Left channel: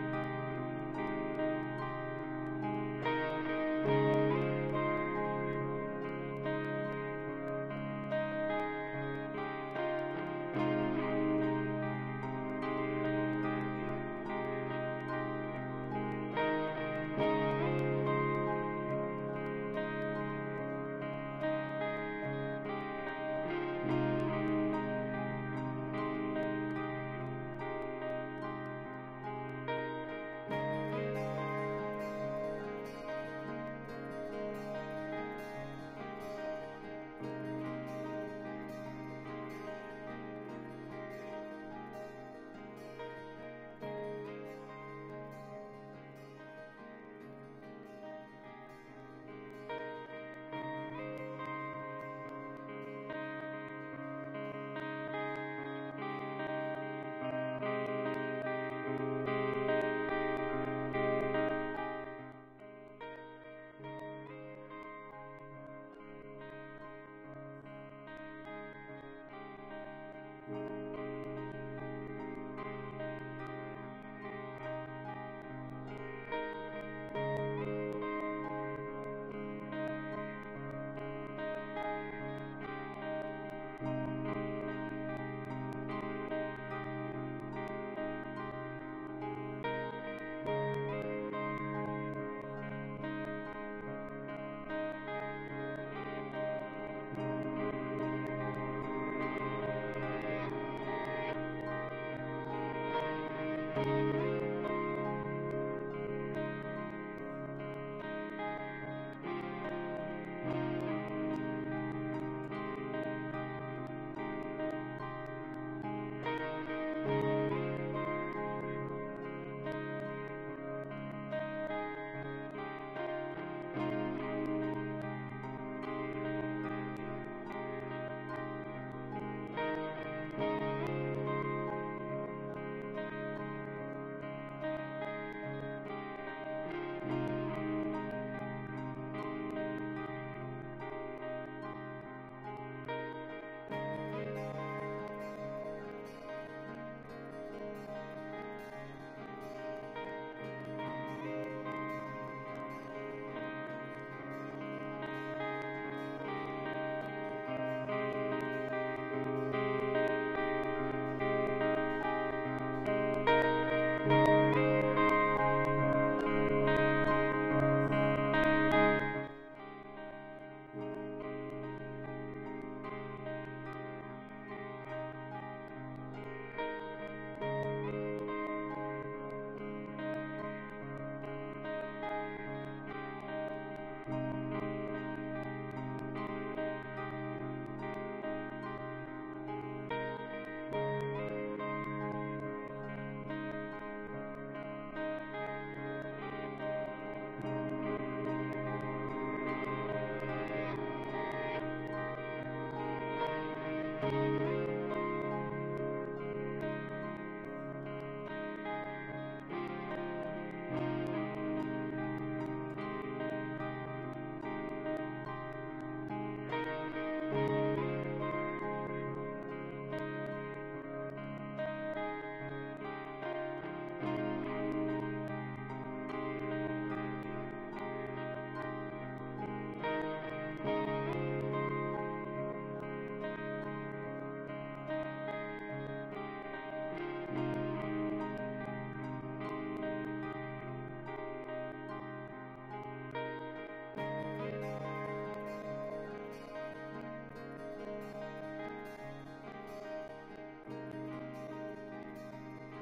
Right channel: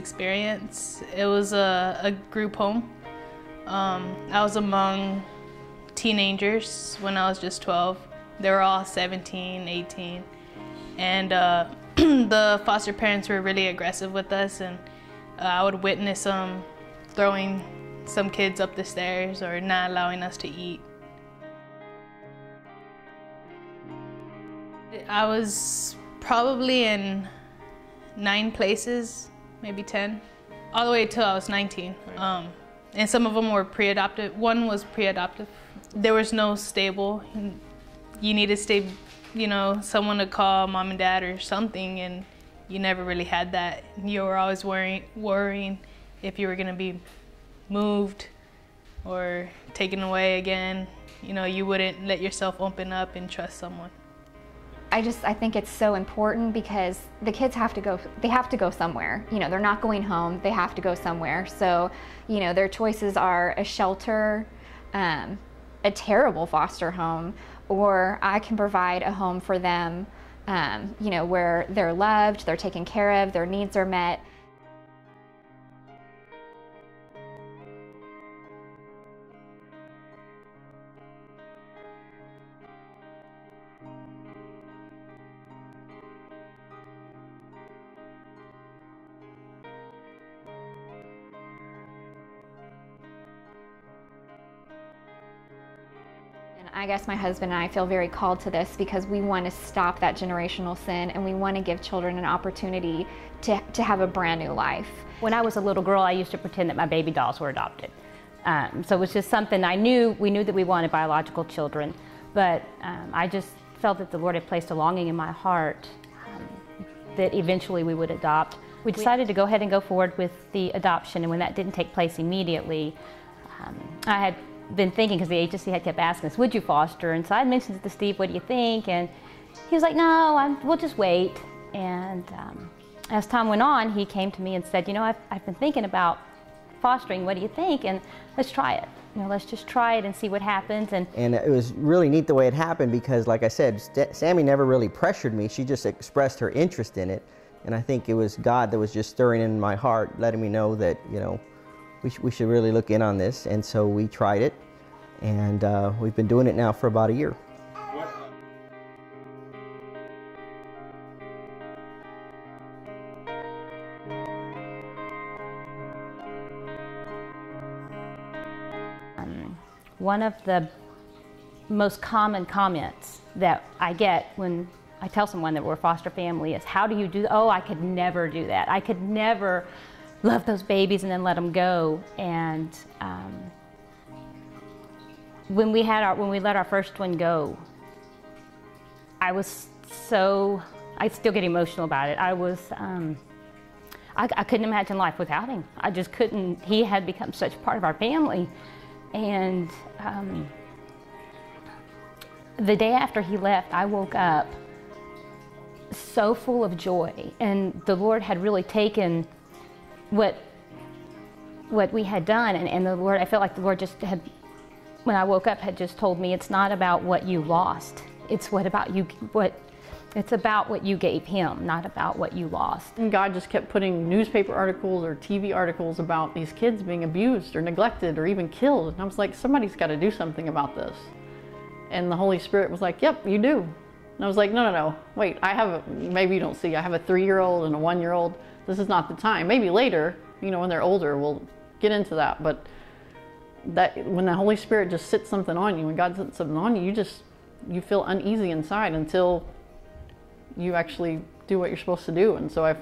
experience. It was a group home. I was among teenagers when I was just 12. They were all 17, 18. And the foster parents were really aggressive with us, and I would witness them throwing some kids up the stairs or not allowing us to eat. I was probably in 9 places, maybe 10, all the way till I was 19. And some of them were pre-adopted. One was pre-adopted. There was no stable. You needed someone to call mom and dad or something, and you never really had that. You were always worrying if you were gonna be moved or taken away again. You wouldn't let yourself open up and trust someone. I think it's so important because the kids have to go somewhere. They're not going home, they have to go somewhere. So, their choices are a shelter, a terrible foster home, or I can provide a home for them, where they're loved, they're taken care of, their needs are met. I guess my husband and I feel very called to this because we want to stop that generational sin, and we want to give children an opportunity to have a brand new life. When I was a little girl, I used to pretend that my baby dolls were adopted. So it was just something we knew that we wanted biological children, but I just felt that the Lord had placed a longing in my heart that eventually we would adopt. We decided to go ahead and go forward with the adoption, and when that didn't take place immediately, I had been thinking, because the agency had kept asking us, would you foster? And so I mentioned it to Steve, what do you think? And he was like, no, we'll just wait. And as time went on, he came to me and said, I've been thinking about fostering, what do you think? And let's try it. Let's just try it and see what happens. And it was really neat the way it happened because, like I said, Sammy never really pressured me. She just expressed her interest in it. And I think it was God that was just stirring in my heart, letting me know that, we should really look in on this. And so we tried it, and we've been doing it now for about a year. One of the most common comments that I get when I tell someone that we're a foster family is, how do you do that? Oh, I could never do that. I could never love those babies and then let them go. And when we let our first one go, I still get emotional about it. I couldn't imagine life without him. I just couldn't. He had become such part of our family. And the day after he left, I woke up so full of joy, and the Lord had really taken what we had done, and the Lord, I felt like the Lord just had, when I woke up, had just told me, it's not about what you lost, it's it's about what you gave him, not about what you lost. And God just kept putting newspaper articles or TV articles about these kids being abused or neglected or even killed, and I was like, somebody's got to do something about this. And the Holy Spirit was like, yep, you do. And I was like, no, wait, maybe you don't see, I have a 3-year-old and a 1-year-old. This is not the time. Maybe later, when they're older, we'll get into that. But when the Holy Spirit just sits something on you, when God sits something on you, you feel uneasy inside until you actually do what you're supposed to do. And so it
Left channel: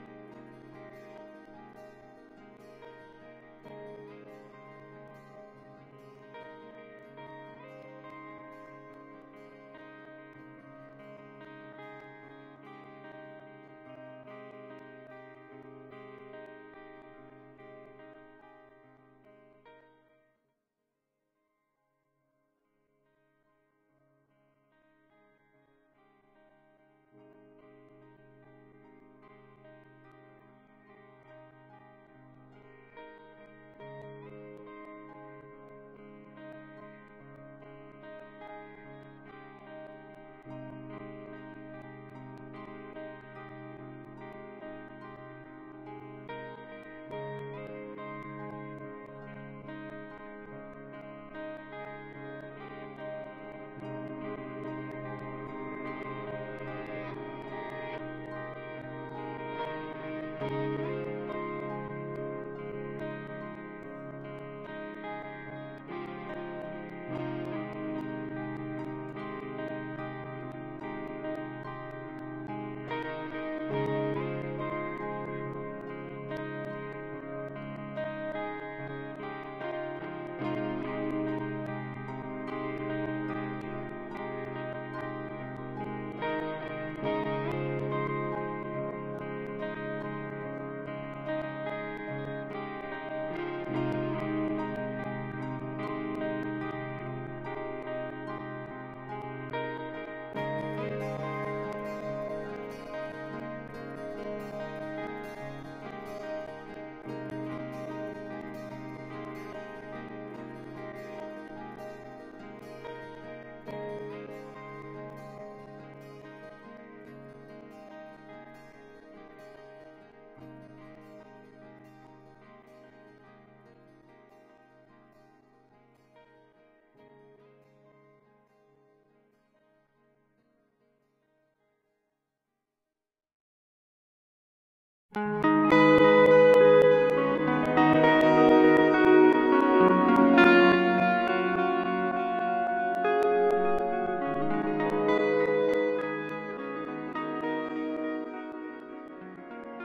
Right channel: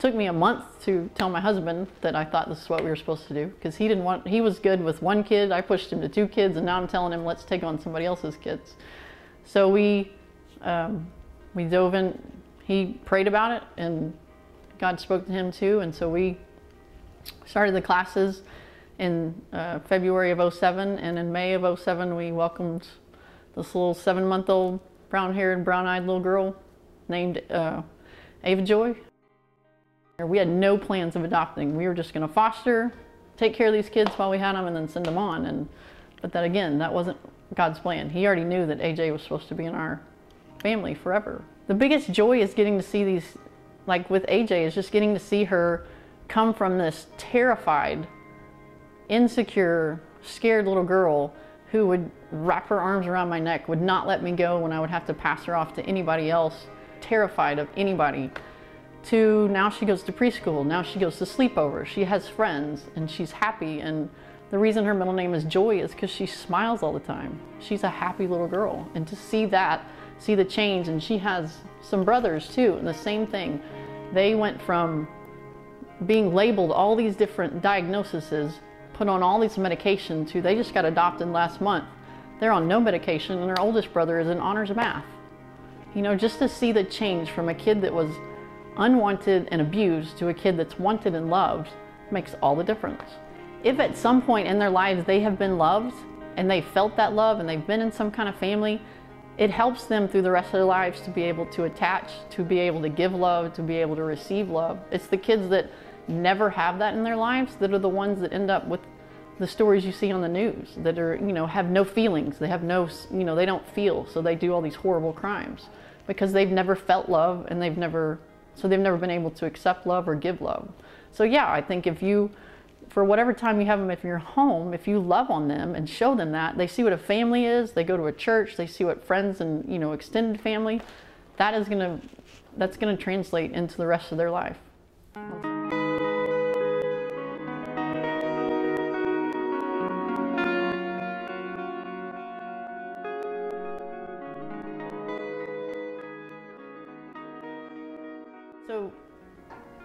took me a month to tell my husband that I thought this is what we were supposed to do, because he was good with 1 kid. I pushed him to 2 kids, and now I'm telling him, let's take on somebody else's kids. So we dove in. He prayed about it, and God spoke to him too, and so we started the classes in February of '07, and in May of '07 we welcomed this little 7-month-old brown-haired, brown-eyed little girl named Ava Joy. We had no plans of adopting. We were just going to foster, take care of these kids while we had them, and then send them on. But that wasn't God's plan. He already knew that AJ was supposed to be in our family forever. The biggest joy is getting to see these, like with AJ, is just getting to see her come from this terrified, insecure, scared little girl who would wrap her arms around my neck, would not let me go when I would have to pass her off to anybody else, terrified of anybody, to now she goes to preschool, now she goes to sleepover, she has friends, and she's happy. And the reason her middle name is Joy is because she smiles all the time. She's a happy little girl. And to see that, see the change, and she has some brothers too, and the same thing. They went from being labeled all these different diagnoses, put on all these medications, to they just got adopted last month. They're on no medication, and her oldest brother is in honors math. You know, just to see the change from a kid that was unwanted and abused to a kid that's wanted and loved makes all the difference. If at some point in their lives they have been loved and they felt that love and they've been in some kind of family, it helps them through the rest of their lives to be able to attach, to be able to give love, to be able to receive love. It's the kids that never have that in their lives that are the ones that end up with the stories you see on the news, that are, you know, have no feelings, they have no, you know, they don't feel, so they do all these horrible crimes because they've never felt love, and they've never been able to accept love or give love. So yeah, I think if you, for whatever time you have them, if you're home, if you love on them and show them that, they see what a family is, they go to a church, they see what friends and, you know, extended family, that's gonna translate into the rest of their life.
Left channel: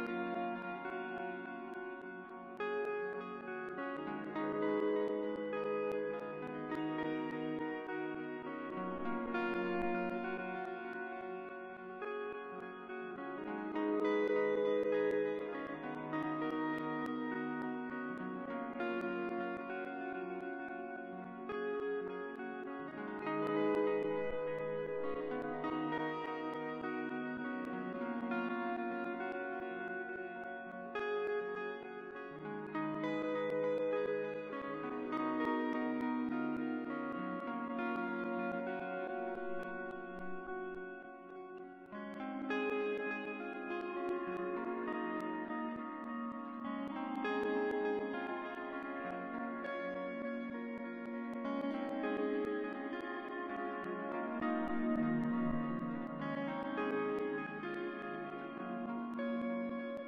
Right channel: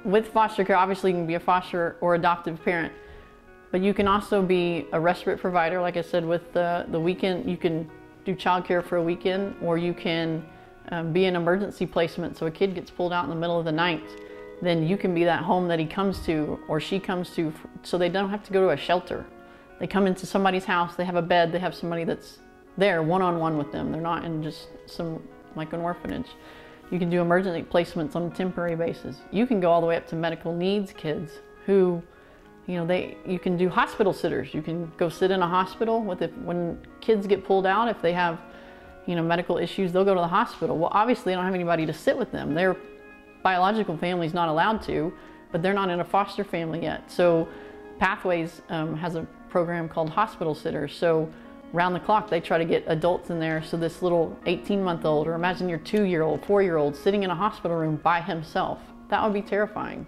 With foster care, obviously you can be a foster or adoptive parent, but you can also be a respite provider. Like I said, with the weekend, you can do childcare for a weekend, or you can be an emergency placement. So a kid gets pulled out in the middle of the night, then you can be that home that he comes to or she comes to, so they don't have to go to a shelter. They come into somebody's house, they have a bed, they have somebody that's there one-on-one with them. They're not in just some, like an orphanage. You can do emergency placements on a temporary basis. You can go all the way up to medical needs kids who, you know, you can do hospital sitters. You can go sit in a hospital with it. When kids get pulled out, if they have, you know, medical issues, they'll go to the hospital. Well, obviously they don't have anybody to sit with them. Their biological family's not allowed to, but they're not in a foster family yet. So Pathways has a program called Hospital Sitters. So around the clock, they try to get adults in there. So this little 18-month-old, or imagine your 2-year-old, 4-year-old sitting in a hospital room by himself. That would be terrifying.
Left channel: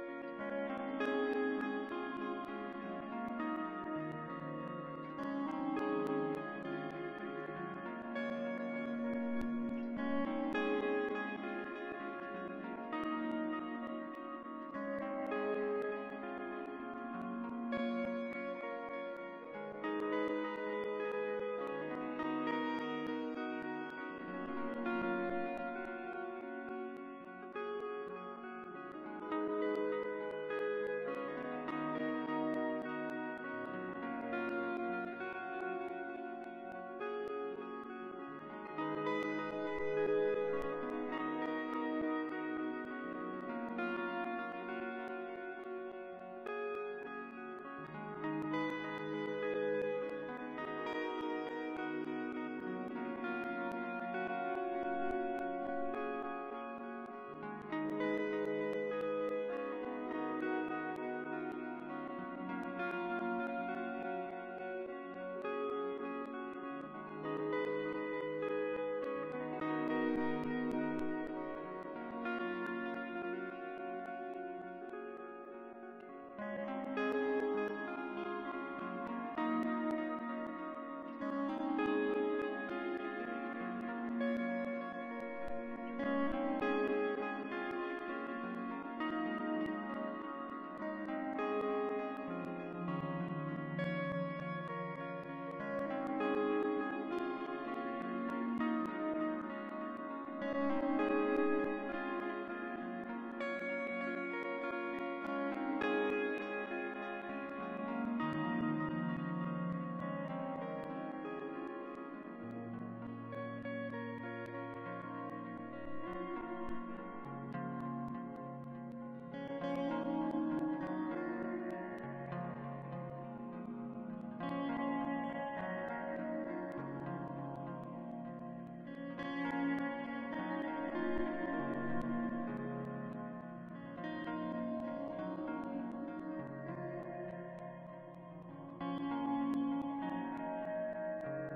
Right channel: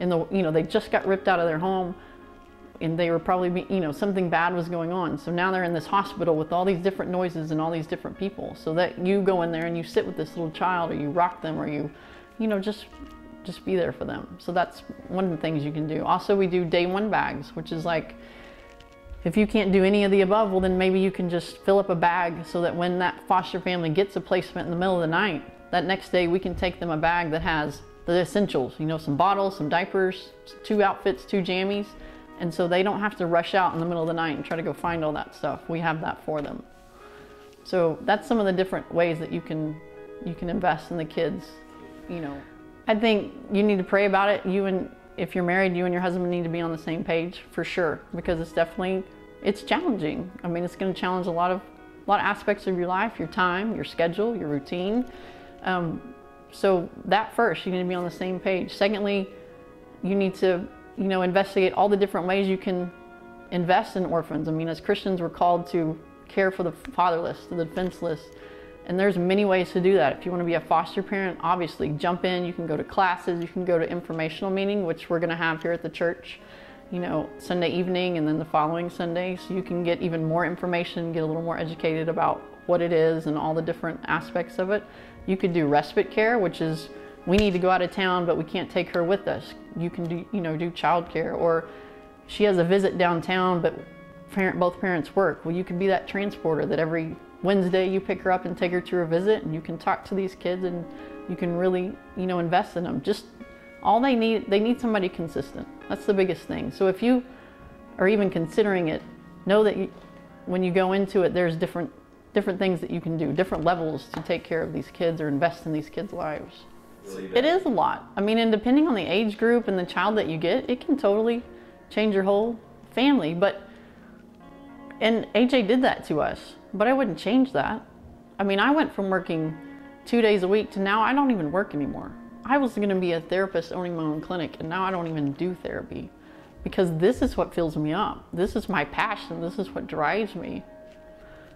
You know, they just got ripped out of their home, and they were probably, you know, something bad was going on. So now they're in this hospital with all these different noises and all these different people. So that you go in there and you sit with this little child, or you rock them, or you know, just be there for them. So that's one of the things you can do. Also, we do day one bags, which is like, if you can't do any of the above, well then maybe you can just fill up a bag so that when that foster family gets a placement in the middle of the night, that next day we can take them a bag that has the essentials, you know, some bottles, some diapers, 2 outfits, 2 jammies, and so they don't have to rush out in the middle of the night and try to go find all that stuff. We have that for them. So that's some of the different ways that you can invest in the kids, you know. I think you need to pray about it. If you're married, you and your husband need to be on the same page for sure, because it's challenging. I mean, it's going to challenge a lot of aspects of your life, your time, your schedule, your routine. So that first, you need to be on the same page. Secondly, you need to, you know, investigate all the different ways you can invest in orphans. I mean, as Christians, we're called to care for the fatherless, the defenseless. And there's many ways to do that. If you want to be a foster parent, obviously jump in. You can go to classes, you can go to informational meeting, which we're going to have here at the church, you know, Sunday evening and then the following Sunday. So you can get even more information, get a little more educated about what it is and all the different aspects of it. You could do respite care, which is, we need to go out of town, but we can't take her with us. You can do, you know, do childcare, or she has a visit downtown, but both parents work. Well, you can be that transporter that every Wednesday you pick her up and take her to her visit, and you can talk to these kids, and you can really, you know, invest in them. Just all they need somebody consistent. That's the biggest thing. So if you are even considering it, know that when you go into it, there's different things that you can do, different levels to take care of these kids or invest in these kids' lives. It is a lot. I mean, and depending on the age group and the child that you get, it can totally change your whole family. And AJ did that to us, but I wouldn't change that. I mean, I went from working 2 days a week to now I don't even work anymore. I was going to be a therapist owning my own clinic, and now I don't even do therapy because this is what fills me up. This is my passion. This is what drives me.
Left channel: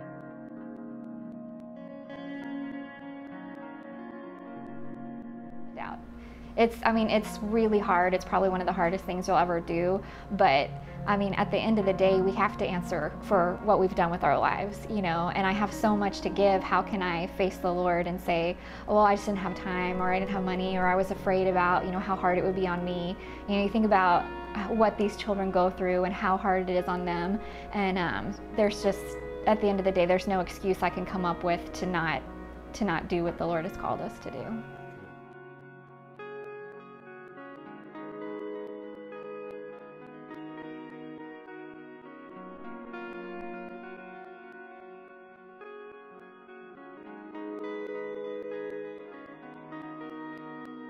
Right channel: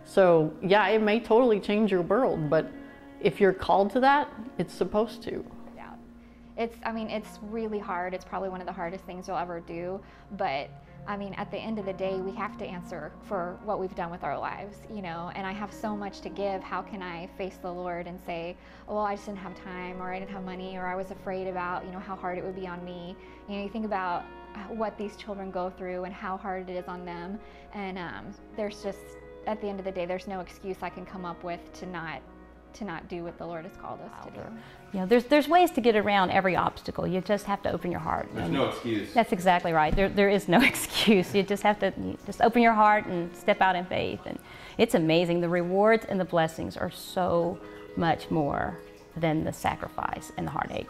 So yeah, it may totally change your world, but if you're called to that, it's supposed to. Doubt. I mean, it's really hard. It's probably one of the hardest things you'll ever do, but I mean, at the end of the day, we have to answer for what we've done with our lives, you know, and I have so much to give. How can I face the Lord and say, well, I just didn't have time, or I didn't have money, or I was afraid about, you know, how hard it would be on me. You know, you think about what these children go through and how hard it is on them, and there's just, at the end of the day, there's no excuse I can come up with to not do what the Lord has called us to do. You know, there's ways to get around every obstacle. You just have to open your heart. There's no excuse. That's exactly right. There is no excuse. You just have to open your heart and step out in faith. And it's amazing. The rewards and the blessings are so much more than the sacrifice and the heartache.